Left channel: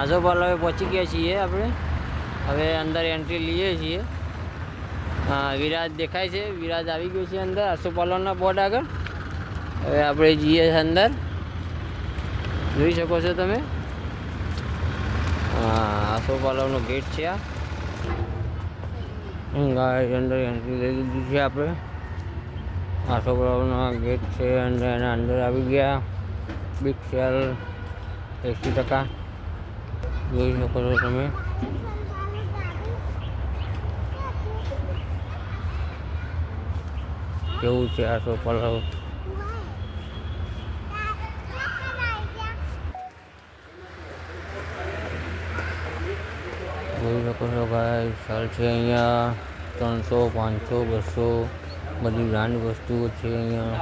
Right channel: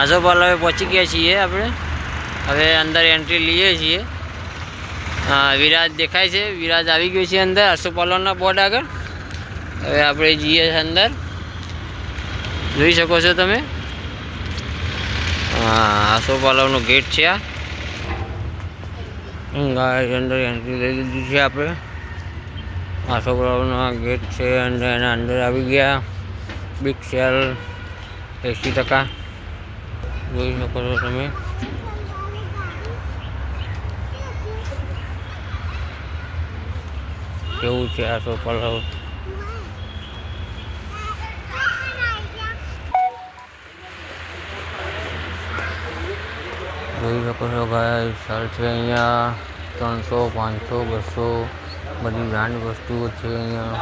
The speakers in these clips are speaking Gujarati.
આસોપાલવે પહોંચી ગયા છીએ આપણે. હવે અંદર એન્ટ્રી લઈએ છીએ. વિરાજ દેખાય છે, વિરાજ આવી ગયો છે અંદર આસોપાલવના બોર્ડ આગળ. હવે આપણે જઈએ અંદર, જોઈ શકો છો તમે. આસોપાલવનો ગેટ છે આ. અંદર એન્ટ્રી લઈ લીધી છે આપણે. આસોપાલવનો ગેટ છે અને એના અંદર આવી ગયા. બિગ સેલ 80%, જોઈ શકો છો તમે. કેવું છે આસોપાલવ. જોઈ શકો છો ભાઈ, સાલ છે અહીંયા 300, 500, 200 બધી બ્રાન્ડ વસ્તુઓ છે અહીંયા.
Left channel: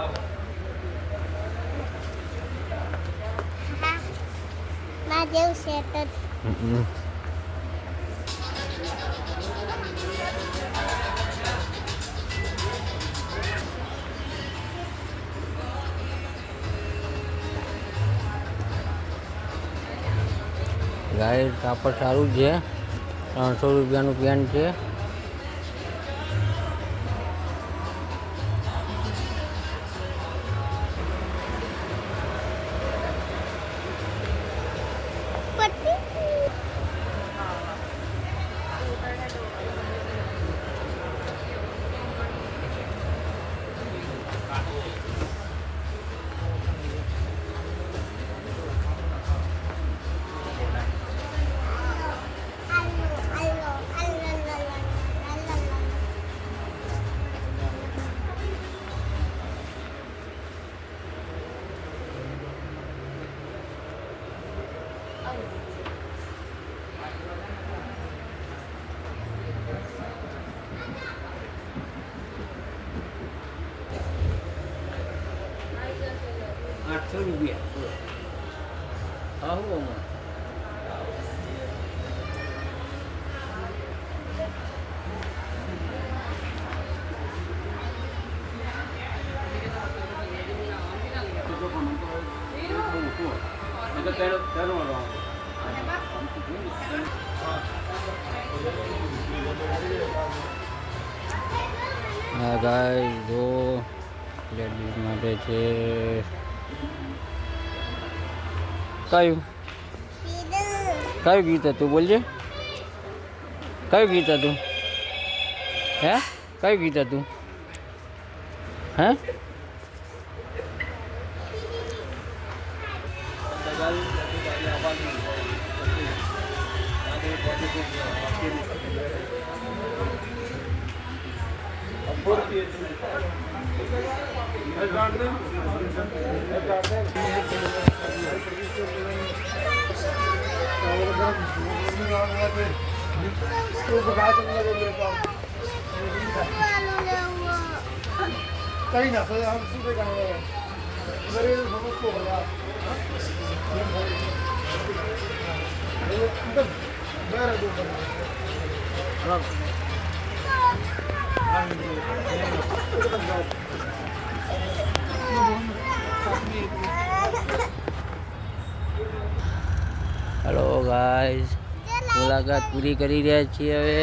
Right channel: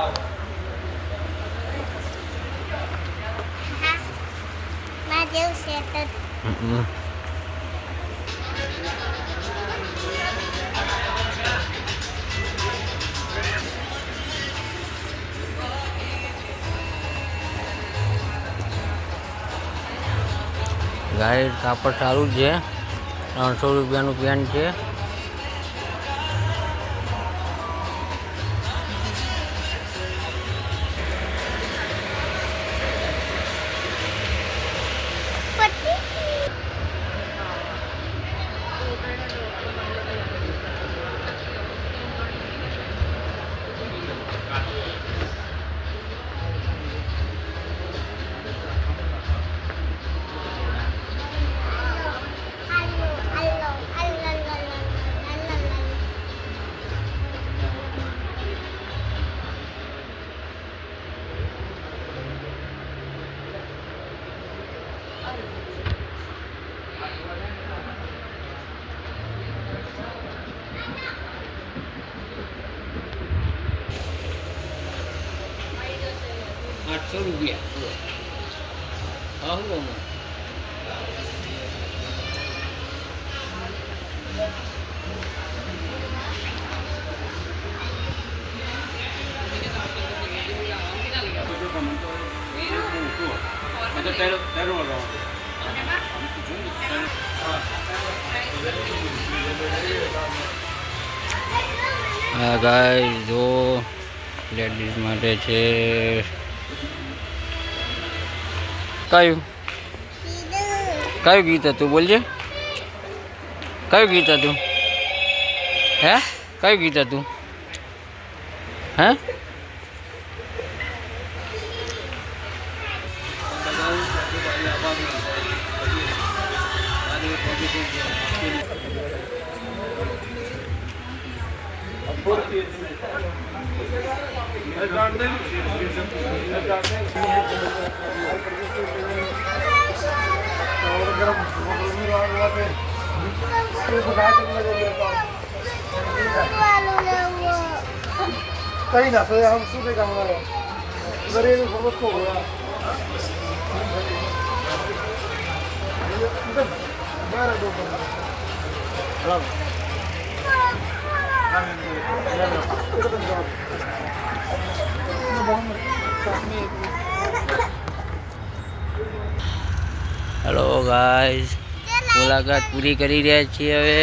ગાય કાપડ સારું છે, 300 રૂપિયાનું પેન્ટ છે. ₹800. આવું હા ગાઈસ, જો લેડીઝ માટે છે. કયું ગીત હતું બોલજે? કયું ગીત હતું? હે, કયું ગીત હતું? હે, कहीं ना सोया हम सुबह का हमारा गरीब समझ को હેલો ગાઈસ, મુલાકાત પૂરી કરી રહ્યા છીએ. હવે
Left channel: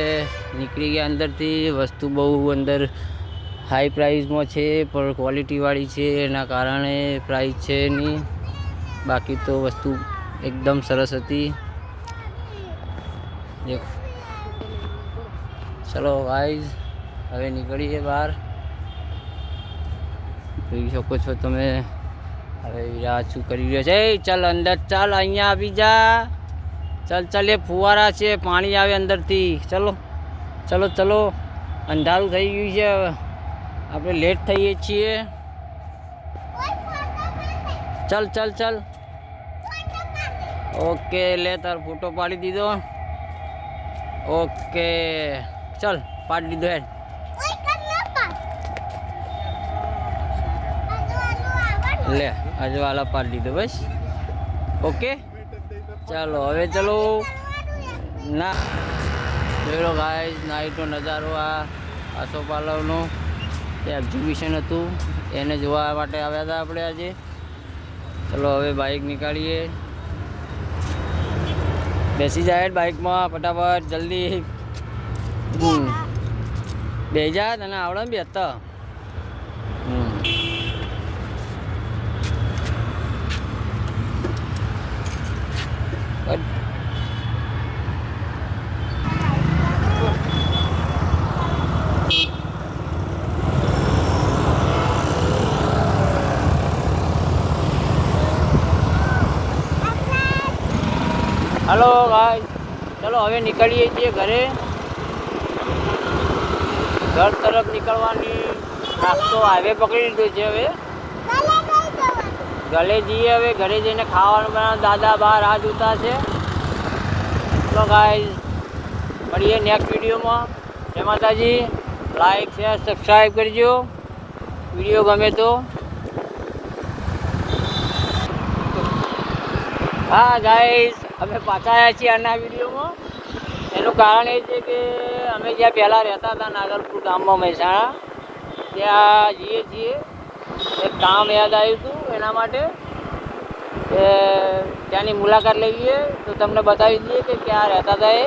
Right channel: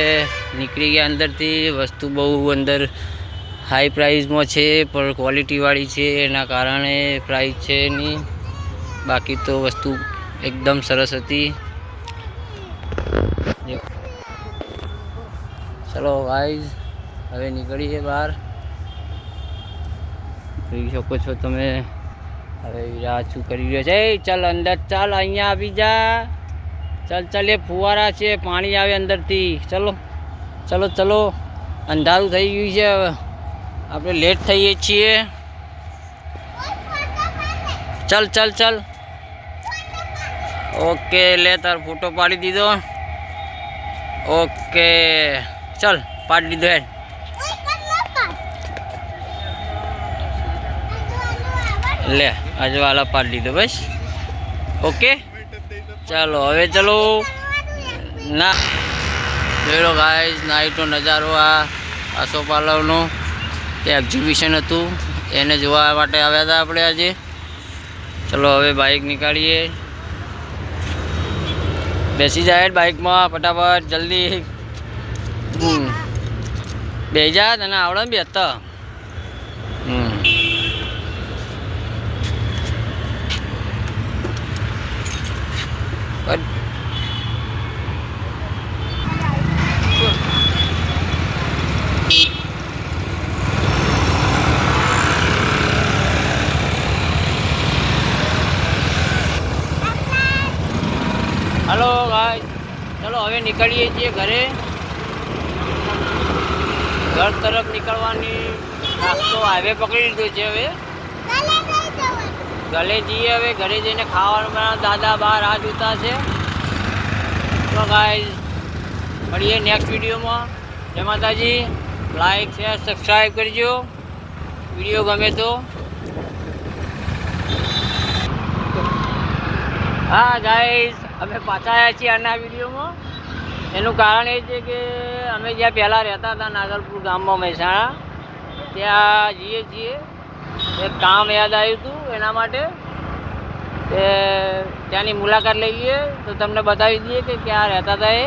નીકળી ગયા અંદરથી. વસ્તુ બહુ અંદર હાઈ પ્રાઇસમાં છે, પણ ક્વોલિટીવાળી છે, એના કારણે પ્રાઇસ છે નહીં. બાકી તો વસ્તુ એકદમ સરસ હતી. ચલો ગાઈસ, હવે નીકળીએ બહાર. જોઈ શકો છો તમે. હવે વિરાજ શું કરી રહ્યો છે? ચાલ અંદર ચાલ, અહીંયા આવી જા. ચાલ ચાલ, એ ફુવારા છે, પાણી આવે અંદરથી. ચલો ચલો ચલો, અંધારું થઈ ગયું છે, આપણે લેટ થઈએ છીએ. ચાલ ચાલ ચાલ. ઓકે, લે તાર ફોટો પાડી દીધો. ઓકે ચાલ, પાડી દીધો. હેડ લે, અજવાલા પાડી દીધો બસ. ઓકે ચાલો, હવે ચલો. ના જોઈ લો ગાઈસ, નાઇટનો નજારો. આ આસોપાલવનો તે એક્ઝિબિશન હતું, એને જોવા માટે આવ્યા હતા આપણે આજે. ચલો હવે બાઇક નીકાળીએ. બેસી જાય બાઇકમાં ફટાફટ જલ્દી. બેસી જા, તને આવડે ને બેસતા. હલો ગાઈસ, ચલો હવે નીકળીએ છીએ ઘરે. ઘર તરફ નીકળવાની નાસ્તો હાઈવે પકડી લીધો છે. હવે ઘરે જઈએ. હવે ઘરે જઈને ખાવાનું બનાવ. દાદા બહાર હાથ જોતા છે. તો ગાઈસ મળીએ નેક્સ્ટ વિડીયોમાં. જય માતાજી. લાઈક શેર સબસ્ક્રાઈબ કરજો વિડીયો ગમે તો. હા ગાઈસ, અમે પાછા આવ્યા છીએ આના વિડીયોમાં. એનું કારણ એ છે કે અમે જ્યાં પહેલાં રહેતા હતા નાગલપુર ગામમાં મહેસાણા, ત્યાં જઈએ છીએ. એક કામ યાદ આવ્યું હતું, એના માટે ત્યાંની મુલાકાત લઈએ તો તમને બતાવી દઈએ કે ક્યાં રહેતા હતા એ.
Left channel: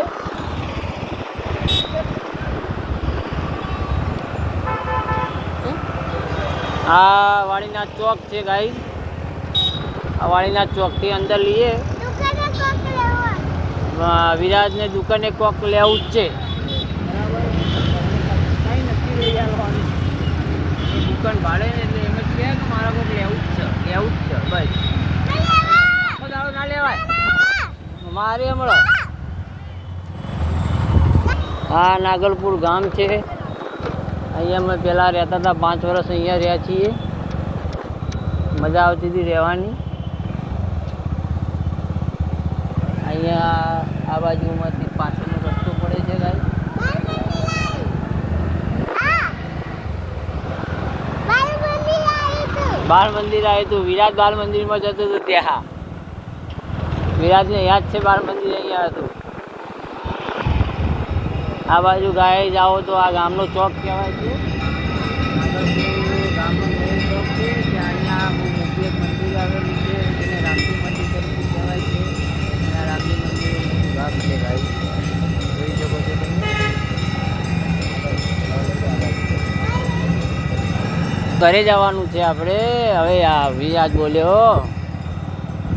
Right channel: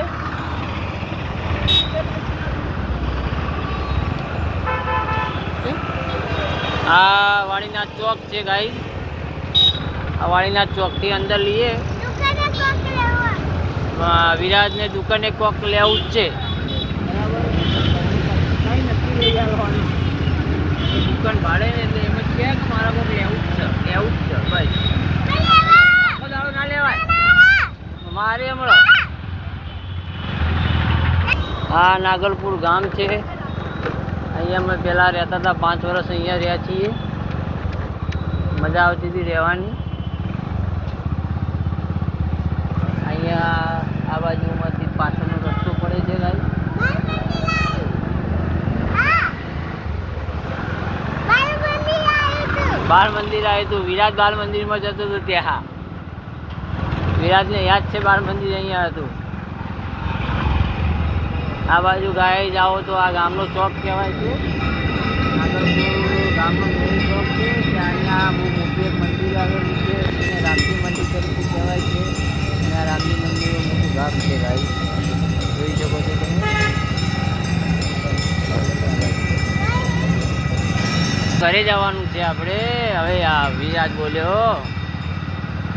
આ વાણીનાથ ચોક છે ગાઈ. આ વાણીનાથ ચોકથી અંદર લઈએ. વિરાજને દુકાને કોક લેવું જ છે. દુકાન ભાડે ને એટલે એમ કહે કે મારા કોક લેવું જ છે ભાઈ. ના લેવાય મારે હમણાં. આ નાગલપુર ગામ છે. અહીંયા અમે પહેલાં રહેતા હતા. 5 વર્ષ અહીંયા રહ્યા છીએ. મજા આવતી હતી રહેવાની. અહીંયા આ બાજુમાંથી પાછળનો રસ્તો પડે છે ભાઈ. બાળ મંદિર આવ્યું હતું. વિરાજ બાળ મંદિરમાં જતો હતો ત્યાં. વિરાજને યાદ છે બાળ મંદિર અહીંયા હતું. આ બાજુ ગાય જાઓ તો આ ગામનો ચોક કહેવાય છે. ગામનો મેઇન ચોક છે. ત્યાં અહીંયા બહુ મોટું એક મંદિર આવેલું છે. એને રામજી મંદિર તરીકે કહેવાય છે. અને આ રામજી મંદિર મોટું ભાગ છે ગાય. જોઈ શકો છો તમે. ઘરે જવાનું છે આપણે. હવે આ વિરાજ બોલ્યો.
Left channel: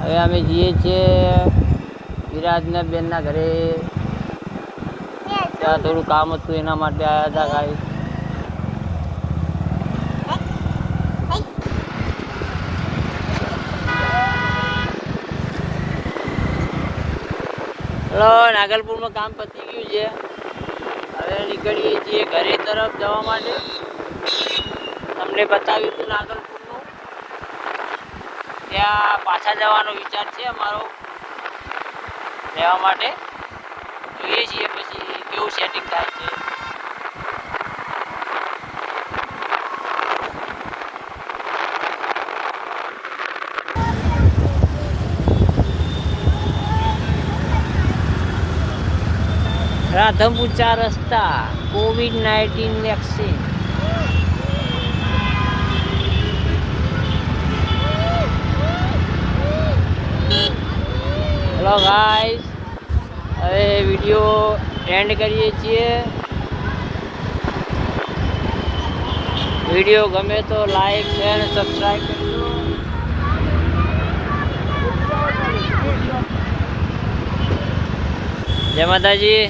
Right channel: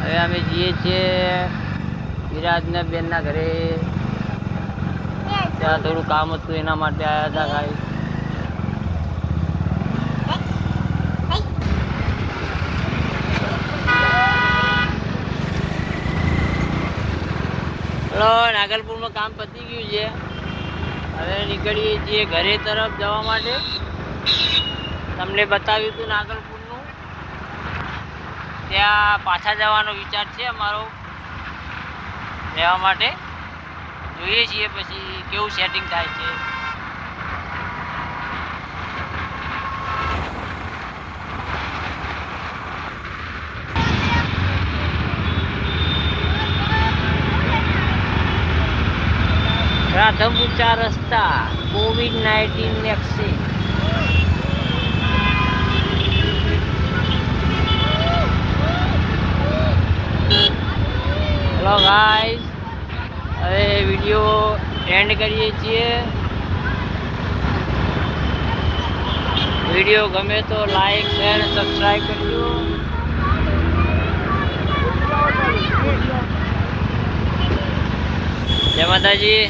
હવે અમે જઈએ છીએ વિરાજના બેનના ઘરે. ત્યાં થોડું કામ હતું એના માટે આવ્યા હતા ગાઈ. ચલો, નાગલપુરમાં કામ પતી ગયું છે. હવે નીકળીએ છીએ ઘરે તરફ જવા માટે. તમને બતાવ્યું હતું નાગલપુરનું. ત્યાં પાછા જવાનો વિચાર છે અમારો રહેવા માટે. જોઈએ છીએ પછી કેવું સેટિંગ થાય છે. રાધનપુર 4 રસ્તા COVID-19 વેક્સિન. હેલો ગાઈસ, હવે વિડીયો એન્ડ કરીએ છીએ. વિડીયો ગમે તો લાઈક શેર સબસ્ક્રાઈબ કરજો. જય માતાજી.